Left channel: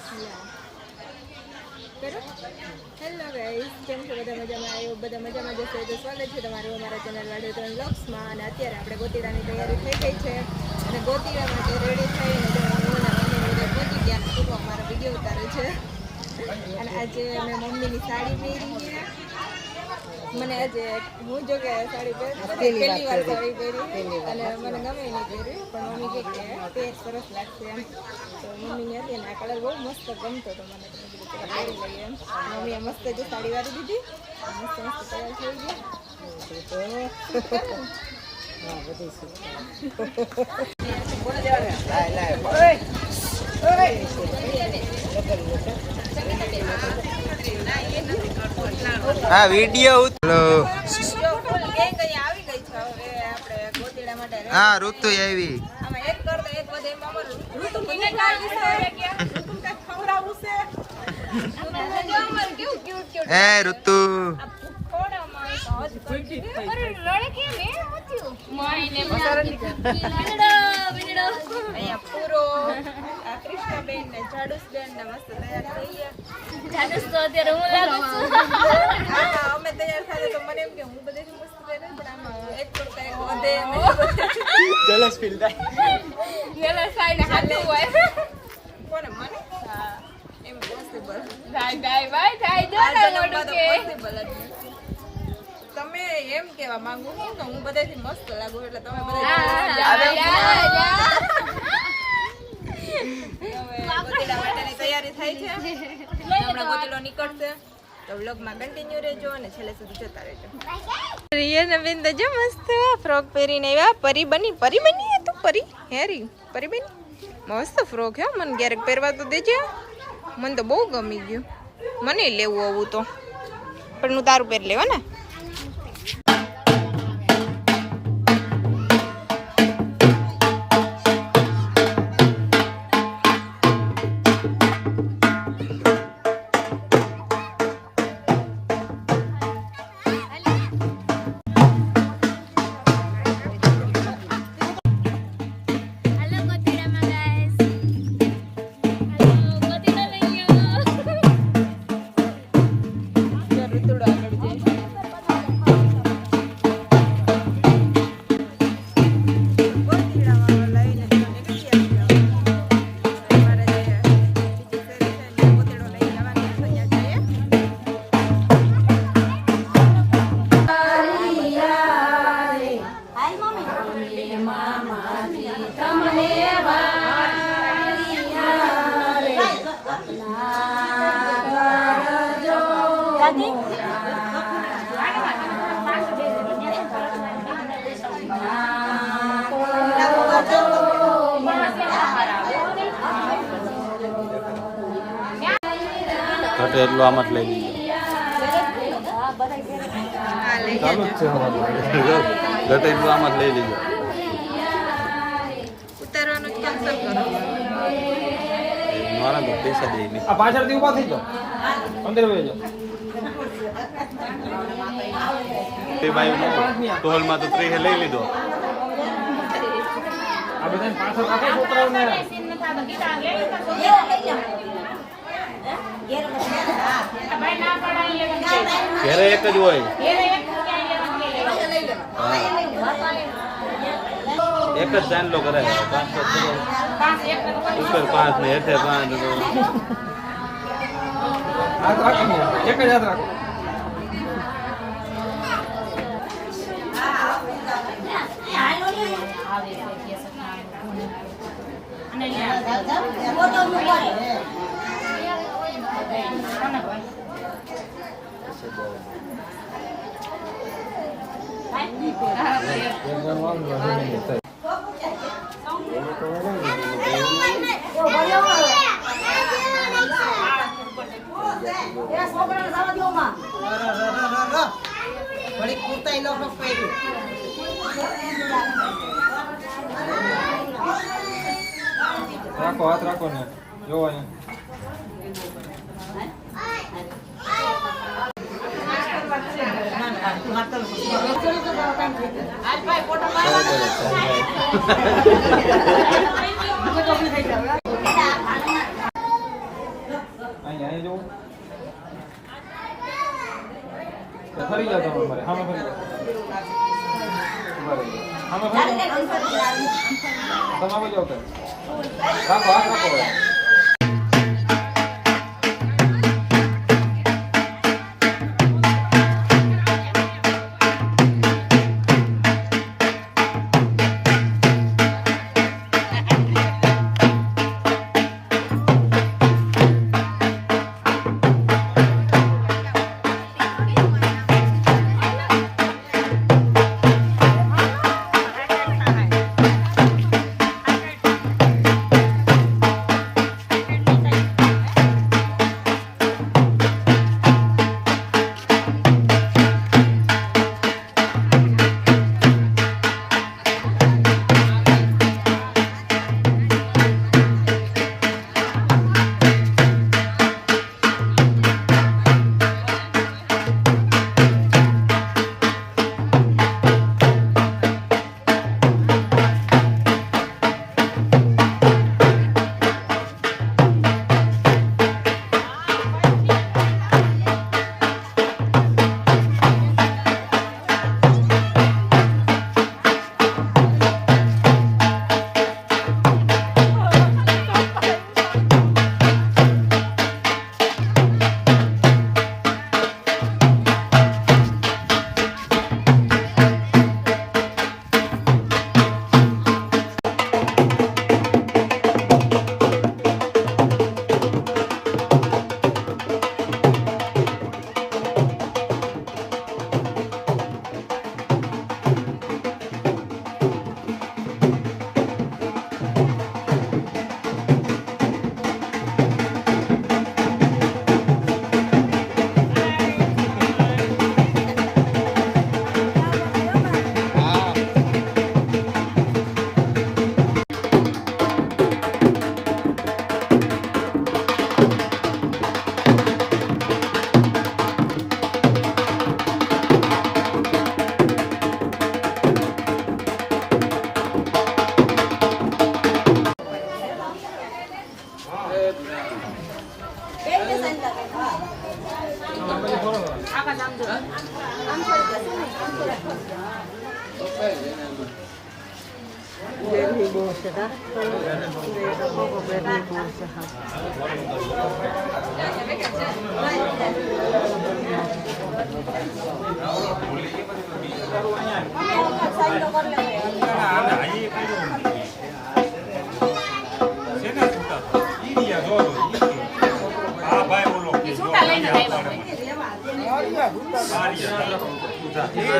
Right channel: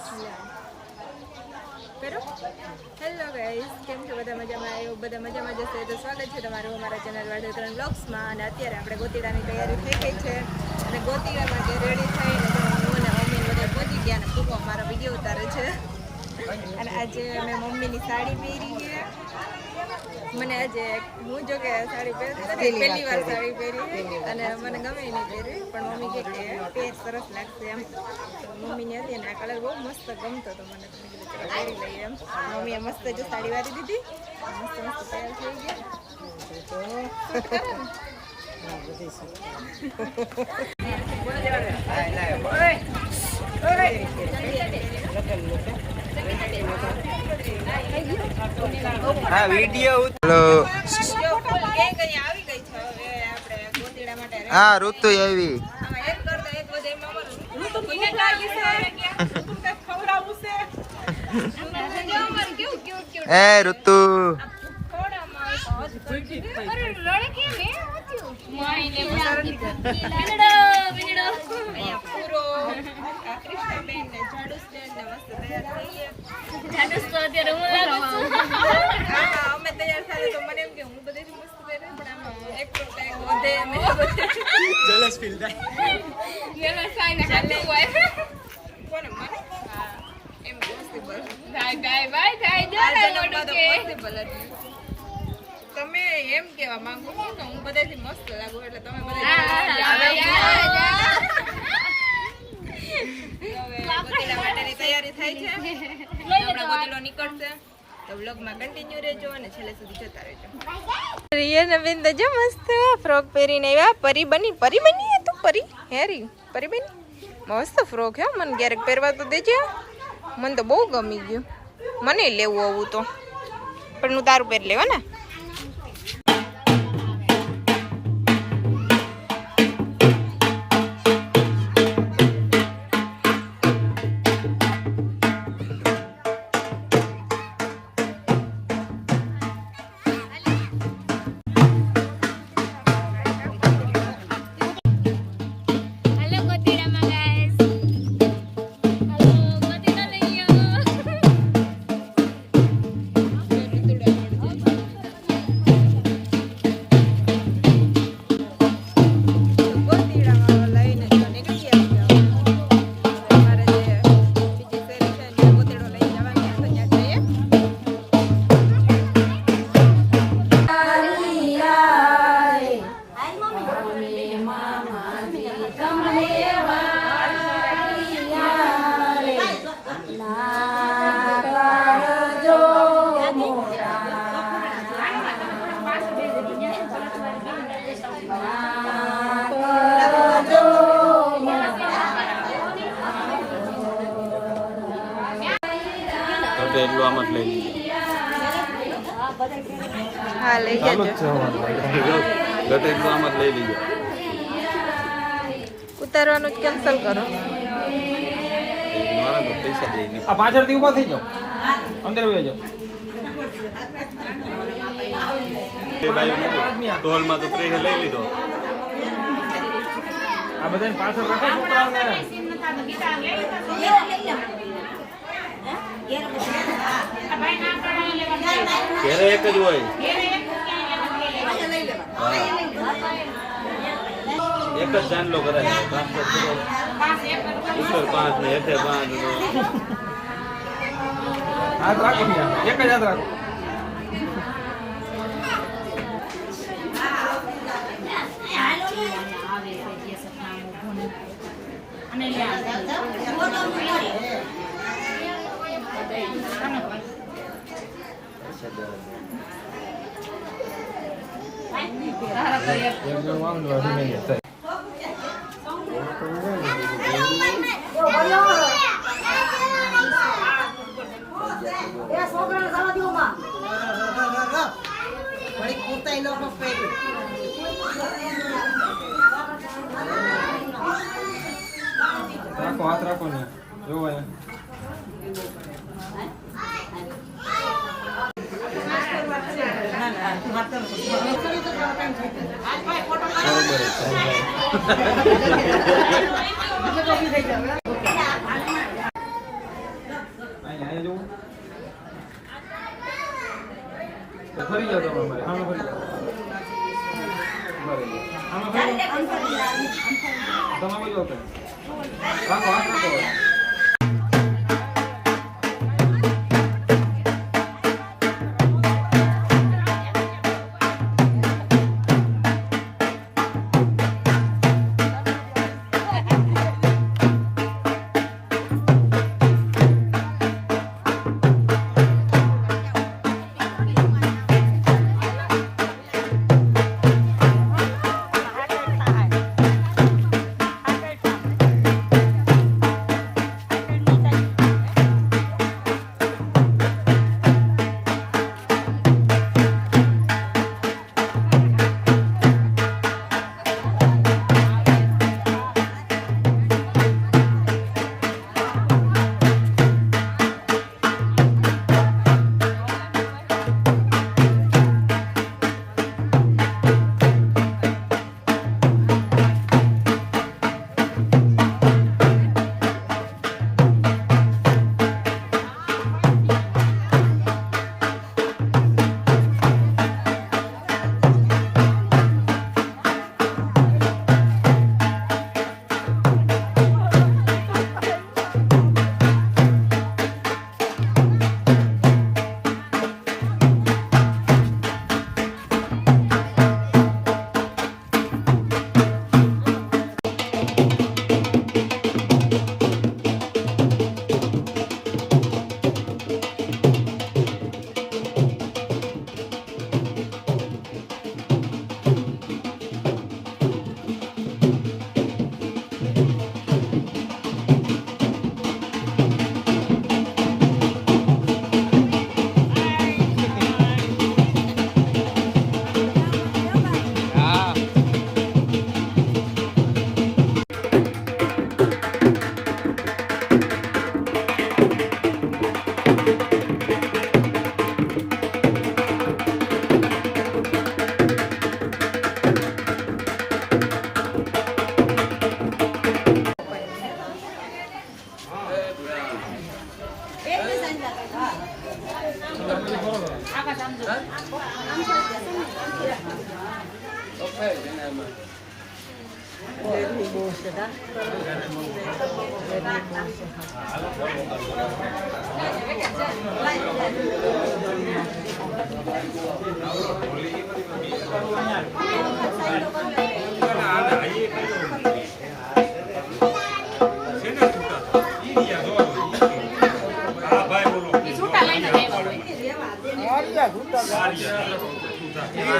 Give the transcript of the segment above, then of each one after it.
Hello guys, કેમ છો? બધા મજામાં? આવ્યો બધા મજામાં જશે તો સ્વાગત છે તમારું અમારા ચેનલ વાઢેકરણ બ્લોગ્સમાં. અને અત્યારે આપણે ગોતીડાની તૈયારી થઈ ગઈ છે અને ગોતીડા માટે રેડી થઈને જો હું અને મમ્મી બધે પહોંચી ગયા અને પૂરો અમારો વિડીયો ઉતારે છે. અને આજે મેં મમ્મીની સાડી પહેરી છે. મને આજે હું જો કે સાડી પહેલી વાર સાડી પહેરી અને મને ગમે નહીં પહેરી, પણ મમ્મી કે પહેર સરસ લાગશે એમ. તો મમ્મીને હતી ને આ કલર બહુ મસ્ત ગમતો હતો મને, તો મેં કીધું ચલો પહેરી લઈએ એમ. મમ્મીએ મસ્ત જો સાડી વાળી દીધી, મસ્ત મસ્ત તૈયાર થઈ ગયા. હા વિડિયો હેલો આવી ગઈ છે હવે આપણે ગોતીડા માટે. હા ઋતુ આવી. આમાં એક કરતા એક વધે એમાં ઋતુ મને લાગી છે ઋતુ કઈ ખવડાવું છે. એ ઋતુ અમે તૈયાર થાય તો મને એમ કે હું બધે મસ્ત પહેરે, પણ આમાં એક કરતા એક વધે કોને મને એમ પોસિબલ પોસિબલ જ તમે એમ કેવા માંગુ છો કે હું બધાથી મસ્ત લાગુ એટલે તમે બધા માટેની તૈયારી થાય છે. હમણાં ગોતીડો નીકળશે તો વ્લોગમાં કન્ટિન્યુ રહેજો અને છેલ્લે સુધી જોતા રહેજો. રિયાના બેન તો જો મસ્ત ફ્રોક પહેરીને આવ્યા. પરી બની તું પરી હેરી પરી બની મસ્ત ફ્રોક હે. મને ક્યારેક પહેરવા તો દેજે, મને તો બહુ ગમી ગયું. મને લેવું આવું તો, પણ હું તારું પહેરી લેવા ને. એટલું આમ જ લઈ હા લઈ ચાલુ જ છે આમ જ લઈ લઈએ. ઉતારવાનું કેન્સલ કરો. મારા પૈસા દઈને આ પાછળથી ઊભા થઈ જાઓ, અંદર બેસી જાઓ. ટોલમાં તો ટ્રેન લઈ લીધો. આ બધાને પાછળ રાખો છોકરાઓને. ઘરે એક જ હોય, એક જ ચાંદલો કરાય. ઉપર 5 ને હેઠે 5. હાથ રાખો ને, એક જ હાથ રાખો. રાખો હાથ રાખો ને, જોવો અહીંયા જુઓ. ફરી જાઓ તમે મારે આમાં ફરી જાઓ. આમાં ફરી જાઓ. તમે બોલો કે રાખો હાથ રાખો.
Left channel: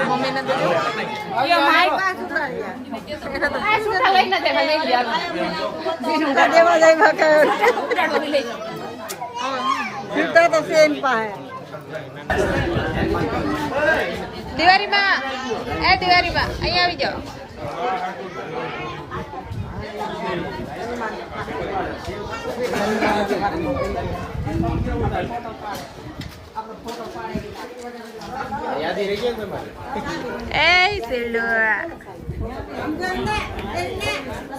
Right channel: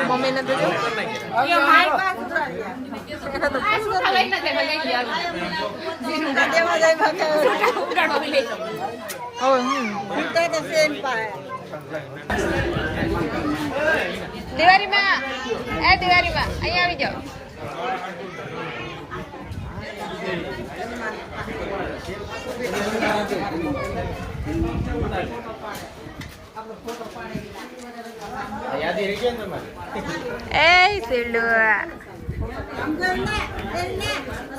મમ્મી ને તો જો દિવાળીમાં દિવાળીમાં અહીંયા આવી જાઓ.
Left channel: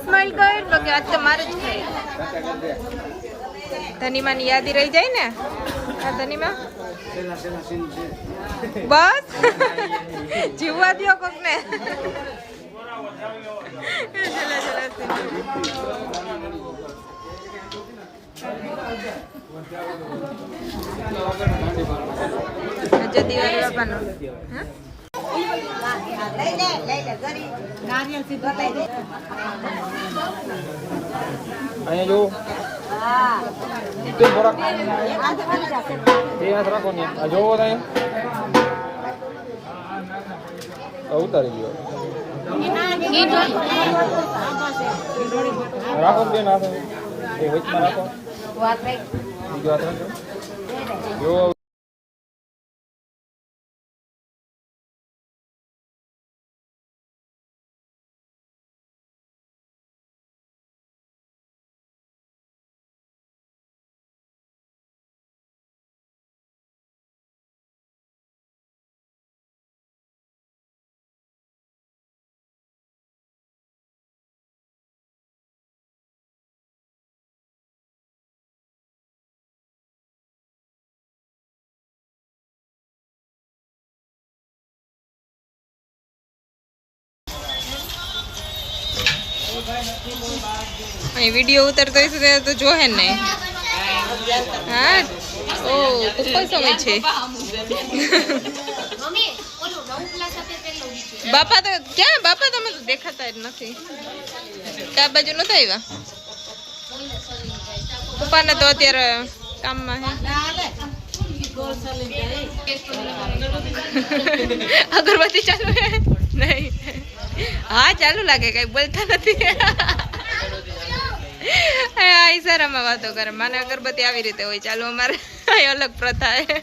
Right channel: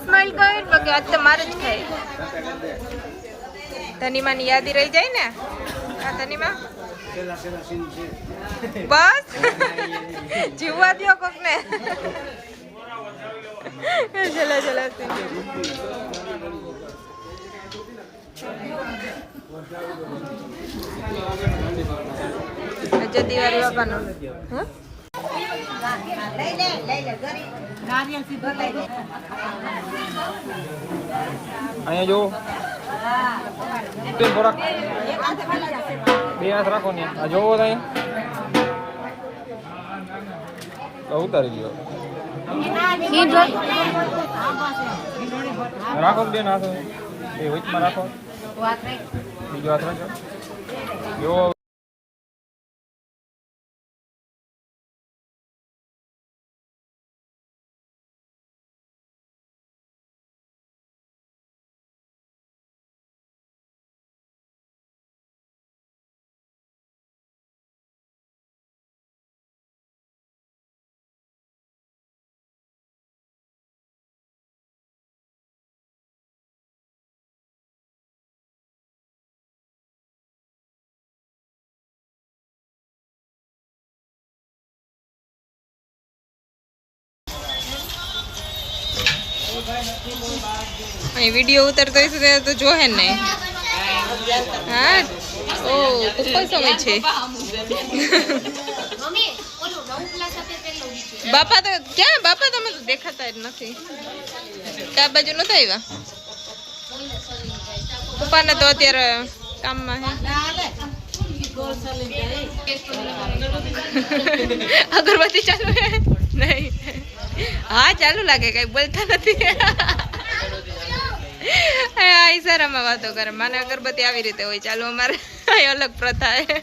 સ્માઈલ કર બગે આજ તો મારે જ ખાઈ. ધનીમાની યાદી રહી જાય ને. હા ધનીમા બસ જીવવા દો કોક ને. ચલો ચલો આજે દિવાળી બાપાનો અહીંયા જો તે બરો એ આ રાખો ને જોવો નહીં ઉતારી લ્યો રાખો બેન આ એ વચમાં રાખો વાત રાખ બીજો આ જો અહીં વિડીયો ઉતરતો હશે તો જોહે ને નહીં. હા ઓ ઉપર સમય છે. બાપા તો ક્યાં? બાપા તમે તો દેખાતા જ નથી. ક્યાં બાજુ નતા આવ્યા? પપ્પાને તો અત્યારે કામમાં હે. અગરબત્તી ચાલુ હે? નહીં. હા ચાલુ લાગે, કઈ બોલતા નથી. આ ઈશારામાં વાતો કરે. મને અગરબત્તી આવી રીતે હોય. ચાલુ અમારે અલગ પ્રથા હે.